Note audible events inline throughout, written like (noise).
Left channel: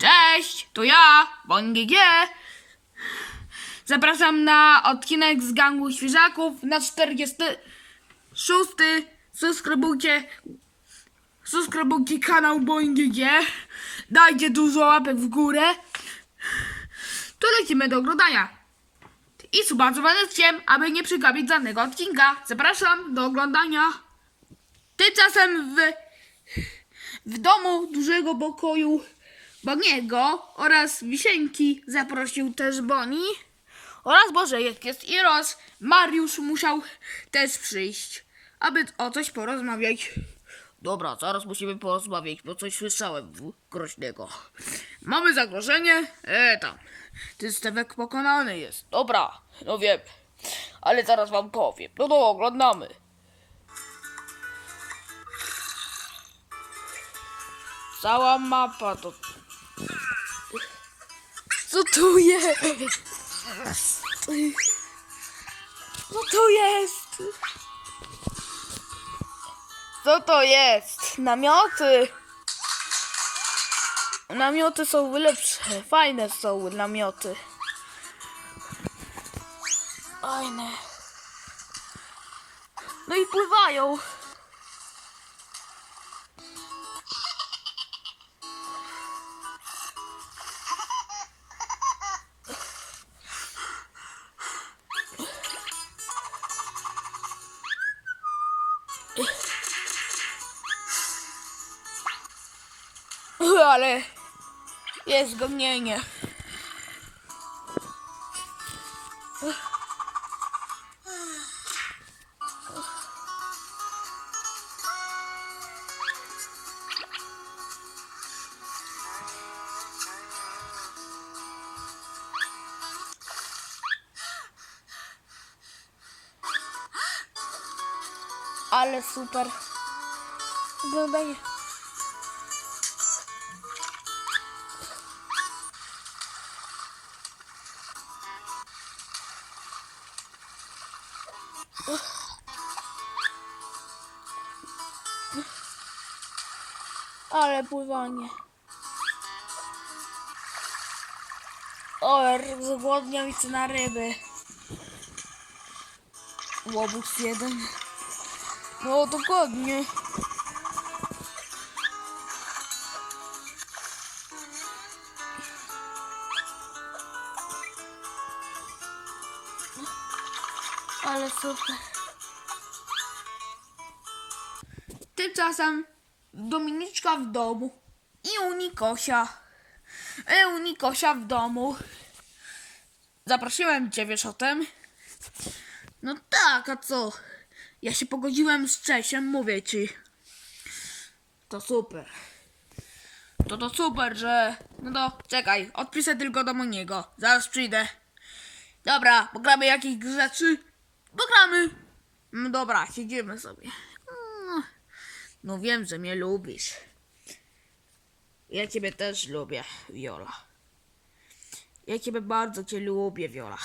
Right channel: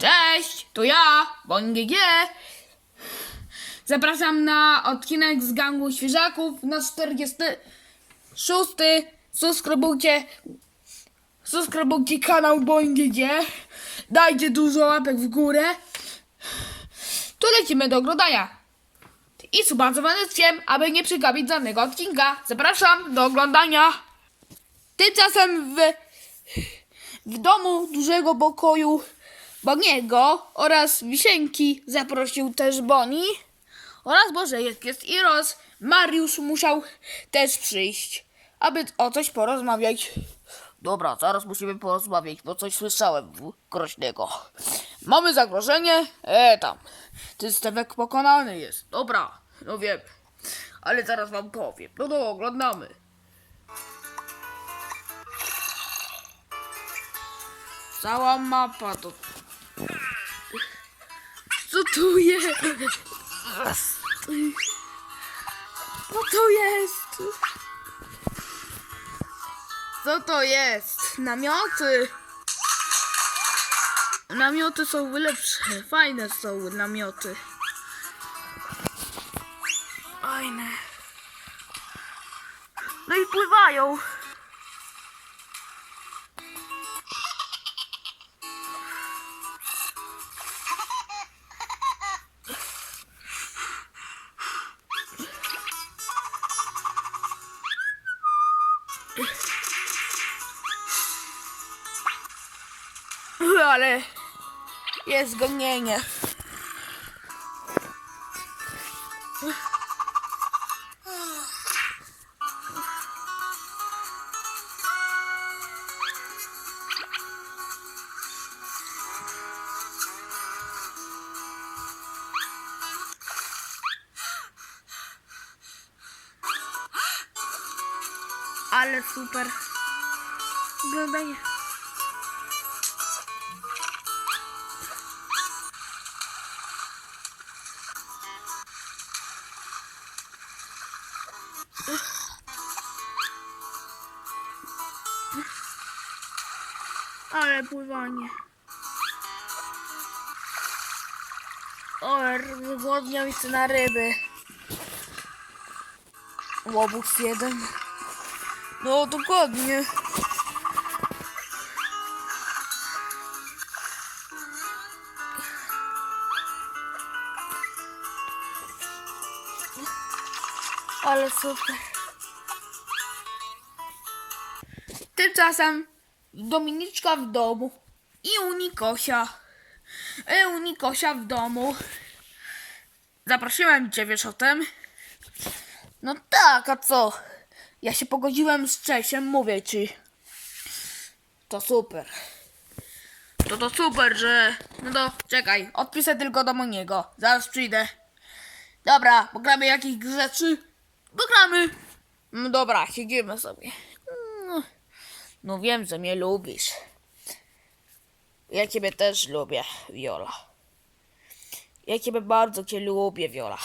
Cześć, to ja, BonGG. Zapraszam na odcinek z gangu świeżaków na 46. Subskrybujcie, subskrybujcie kanał BonGG. Dajcie dużo łapek w górę. To lecimy do oglądania. I suba z aby nie przegapić żadnego odcinka. Zapraszam do oglądania. Tymczasem w w domu dużego pokoju Boniego oraz Wisienki zaprosił też Boni oraz Bożejek jest i Ros. Mariusz musiał też przyjść, aby o coś porozmawiać. Dobra, zaraz musimy porozmawiać, bo coś słyszałem groźnego. Mamy zagrożenie? E, tam. Ten stewek pokonany jest. Dobra, no wiem. Ale zaraz wam powiem. No to oglądamy. Cała mapa to... Co tu jest? Co to jest? Co to jest? Namioty. Namioty są lepsze. Fajne są namioty. Fajne. No i pływają. Ale jest gonienie. Ale super. Oglądanie. Ale pływanie. O, zgłodniał i na ryby. Łobuz jeden. No, dokładnie. Ale super. Tymczasem Dominiczka w domu i u Nikosia. I u Nikosia w domu. Zaprosiłem cię wieszotem. No tak, a co? Ja się pogodziłem z Czesiem, mówię ci. To super. To to super, że... No to czekaj, odpiszę tylko do Moniego. Zaraz przyjdę. Dobra, pogramy jakieś rzeczy? Pogramy. No dobra, siedzimy sobie. No, no wiem, że mnie lubisz. Ja ciebie też lubię, Viola. Ja ciebie bardzo cię lubię, Viola.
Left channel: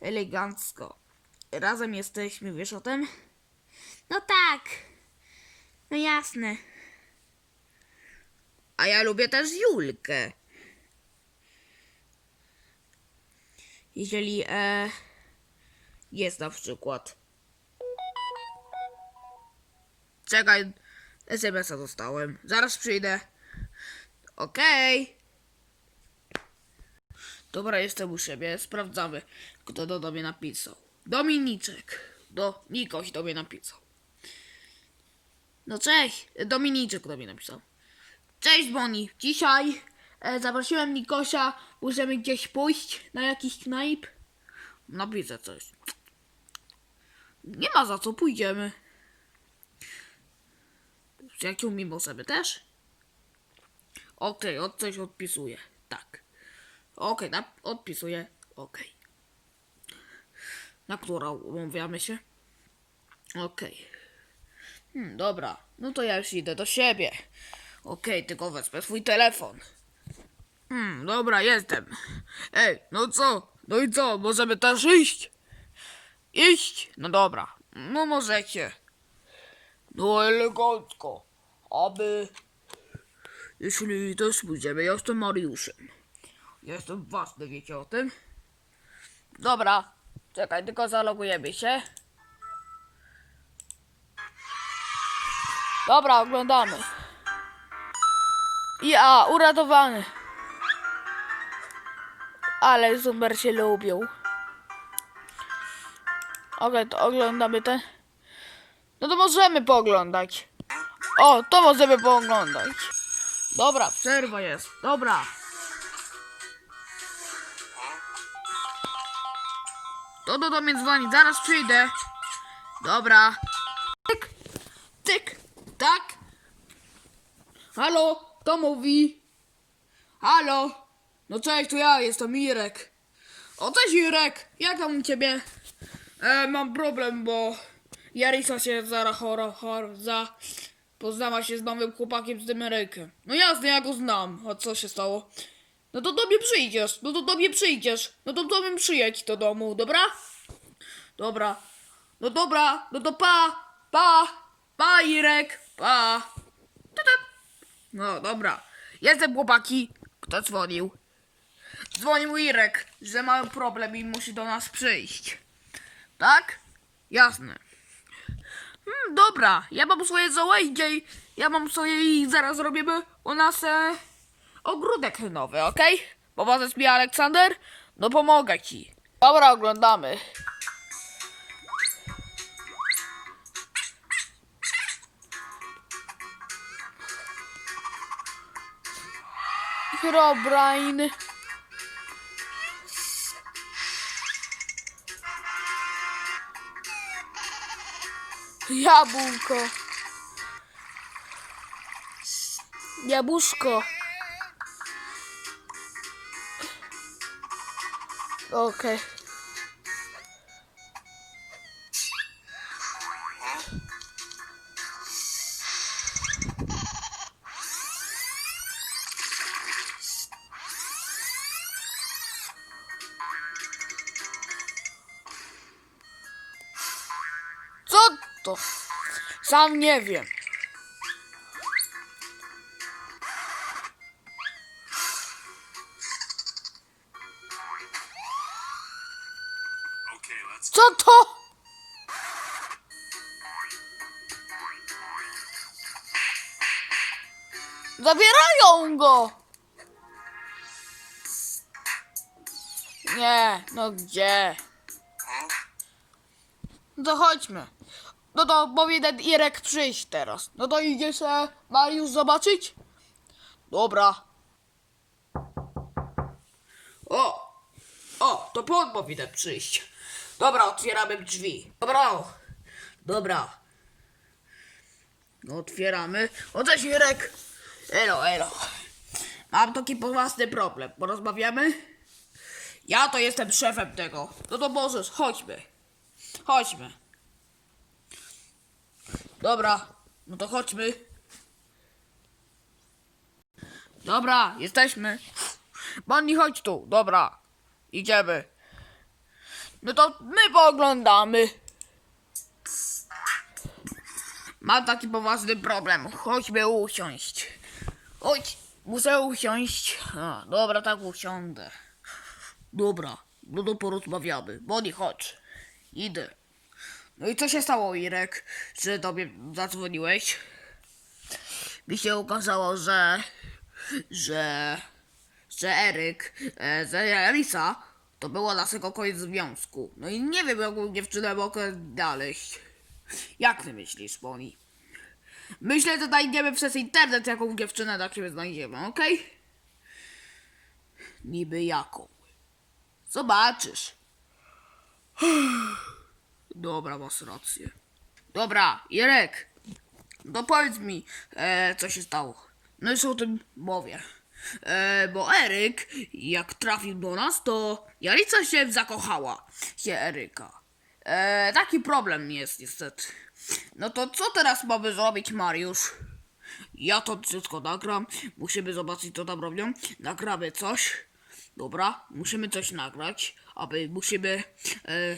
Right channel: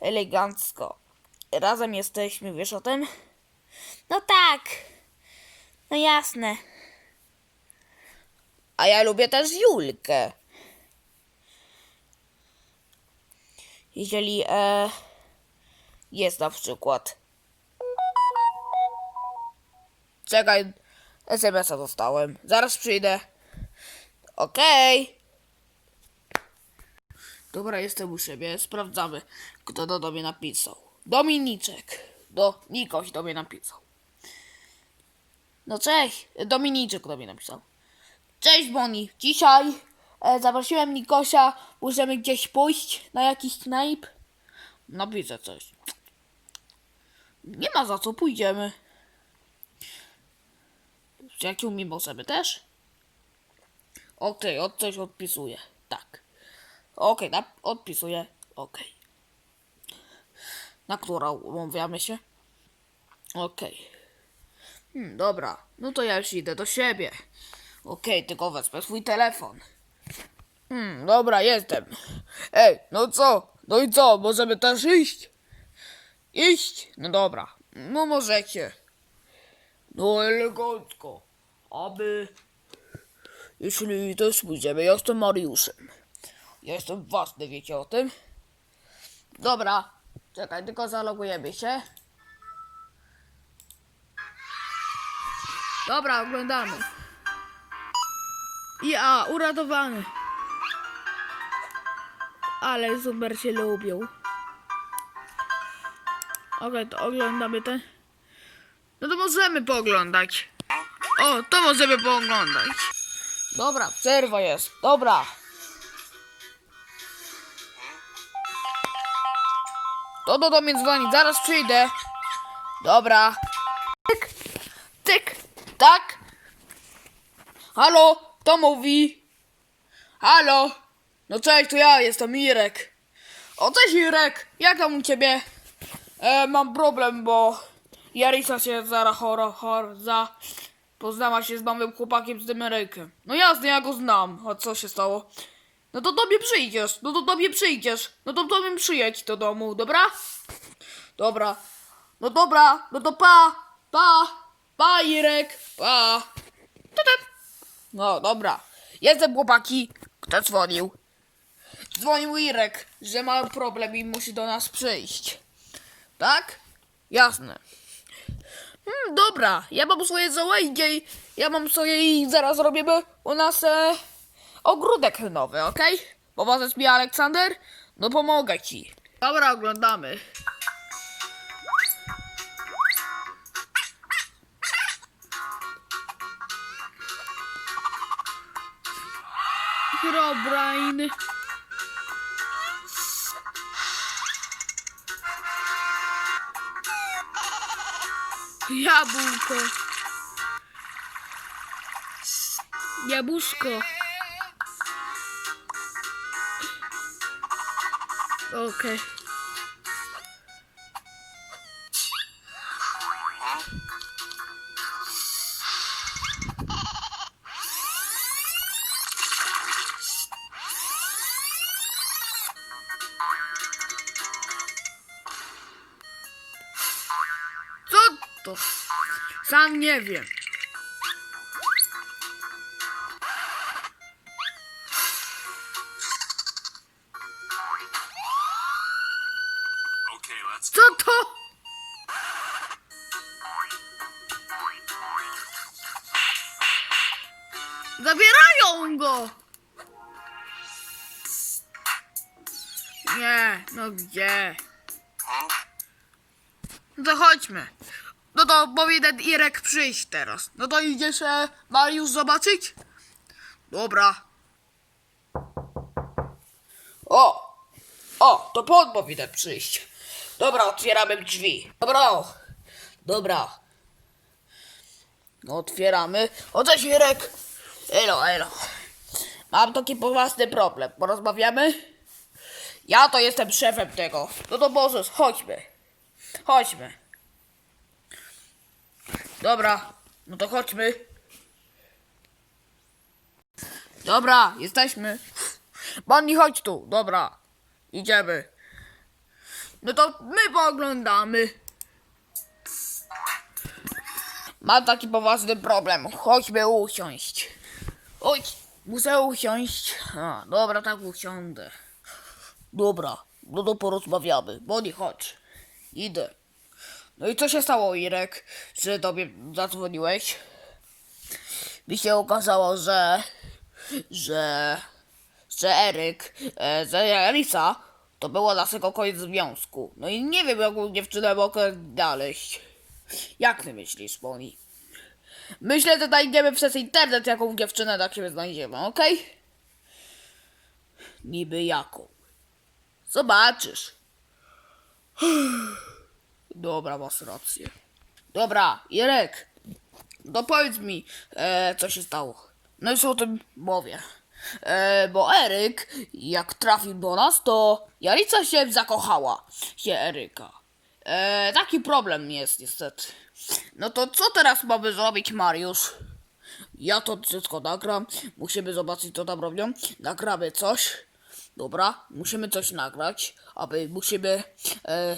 Elegancko. Razem jesteśmy, wiesz o tym? No tak. No jasne. A ja lubię też Julkę. Jeżeli e, jest na przykład. Czekaj, SMS-a dostałem. Zaraz przyjdę. Okej. Dobra, jestem u siebie. Sprawdzamy, kto do, do mnie napisał. Dominiczek. Do, Nikoś do mnie napisał. No cześć, Dominiczek do mnie napisał. Cześć Boni, dzisiaj e, zaprosiłem Nikosia, możemy gdzieś pójść na jakiś knajp. Napiszę coś. Nie ma za co, pójdziemy. Z przyjaciółmi możemy też? Okej, od coś odpisuję. Tak. Okej, na- odpisuję. Okej. Na którą umawiamy się? Okej. Hmm, dobra. No to ja już idę do siebie. Okej, tylko wezmę swój telefon. Hmm, dobra, jestem. Ej, no co? No i co? Możemy też iść? Iść? No dobra. No możecie. No elegancko. Aby jeśli też pójdziemy. Ja jestem Mariuszem. Ja jestem własny, wiecie o tym? Dobra, czekaj, tylko zalogujemy się. Dobra, oglądamy. Ja, uratowany. Ale super się lubią. Okej, to oglądamy ten. No to możemy pooglądać. O, to możemy pooglądać. Dobra, przerwa jest. Dobra. To do, mnie dzwoni, zaraz przyjdę. Dobra. Tyk, tyk, tak. Halo, to mówi. Halo. No cześć, to ja jestem Irek. O, cześć Irek, jak tam u ciebie? E, mam problem, bo Jarisa się zara chora, chora, za... Poznała się z nowym chłopakiem z Amerykiem. No jasne, ja go znam. A co się stało? No to do mnie przyjdziesz, no to do mnie przyjdziesz. No to do mnie przyjedź do domu, dobra? Dobra. No dobra, no to pa, pa, pa Irek, pa. No dobra. Jestem chłopaki. Kto dzwonił? Dzwonił Irek, że ma problem i musi do nas przyjść. Tak? Jasne. Hmm, dobra, ja mam swoje i ja mam swoje i zaraz robimy u nas e, ogródek nowy, okej? Pomożesz mi Aleksander? No pomogę ci. Dobra, oglądamy. Herobrine. Jabłko. Jabłuszko. Okej. Co to? Sam nie wiem. Co to? Zabierają go! Nie, no gdzie? No to chodźmy. No to powinien Irek przyjść teraz. No to idziesz e, Mariusz zobaczyć? Dobra. O! O, to pan powinien przyjść. Dobra, otwieramy drzwi. Dobra. Dobra. No otwieramy. O cześć Irek. Elo, elo. Mam taki poważny problem. Porozmawiamy? Ja to jestem szefem tego. No to możesz, chodźmy. Chodźmy. Dobra, no to chodźmy. Dobra, jesteśmy. Bonnie, chodź tu. Dobra, idziemy. No to my pooglądamy. Mam taki poważny problem. Chodźmy usiąść. Chodź, muszę usiąść. A, dobra, tak usiądę. Dobra, no to porozmawiamy. Bonnie, chodź. Idę. No i co się stało, Irek, że do mnie zadzwoniłeś? Mi się okazało, że... że... że Eryk, e, że Elisa to było naszego koniec związku. No i nie wiem, jaką dziewczynę mogę znaleźć. Jak ty myślisz, Bonnie? Myślę, że znajdziemy przez internet, jaką dziewczynę dla ciebie znajdziemy, okej? Niby jaką. Zobaczysz. (sighs) Dobra, masz rację. Dobra, Irek, no powiedz mi, e, co się stało. No już o tym mówię. E, bo Eryk, jak trafił do nas, to Jarica się zakochała, się Eryka. E, taki problem jest niestety. No to co teraz mamy zrobić, Mariusz? Ja to wszystko nagram. Musimy zobaczyć, co tam robią. Nagramy coś. Dobra, musimy coś nagrać, aby musimy. E,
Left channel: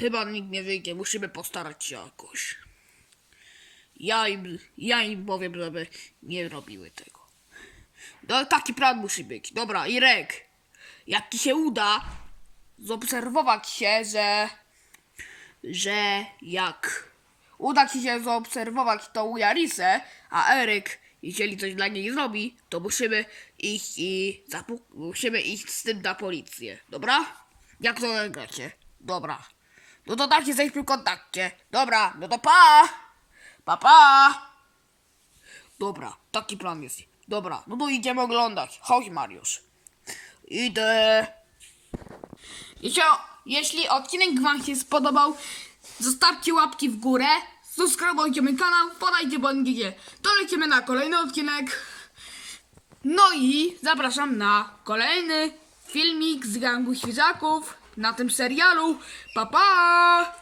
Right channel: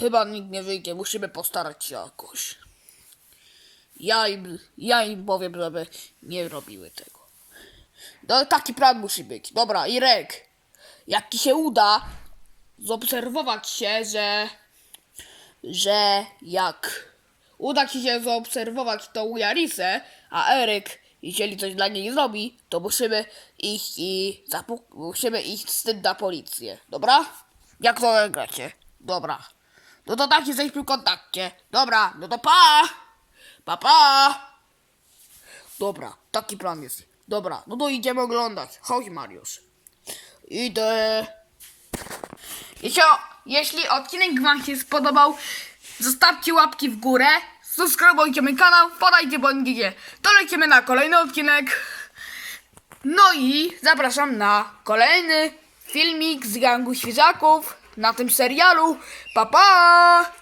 chyba nikt nie wyjdzie, musimy postarać się jakoś. Ja im, ja im powiem, żeby nie robiły tego. No, taki plan musi być. Dobra, Irek, jak ci się uda zaobserwować się, że, że jak uda ci się zaobserwować tą Jarisę, a Eryk, jeżeli coś dla niej zrobi, to musimy iść i musimy iść z tym na policję. Dobra? Jak to gracie? Dobra. No to tak jesteśmy w kontakcie. Dobra, no to pa! Pa, pa! Dobra, taki plan jest. Dobra, no to idziemy oglądać. Chodź, Mariusz. Idę. Jeśli, jeśli odcinek Wam się spodobał, zostawcie łapki w górę, subskrybujcie mój kanał, podajcie bądźcie. To lecimy na kolejny odcinek. No i zapraszam na kolejny filmik z gangu świeżaków na tym serialu. Pa pa!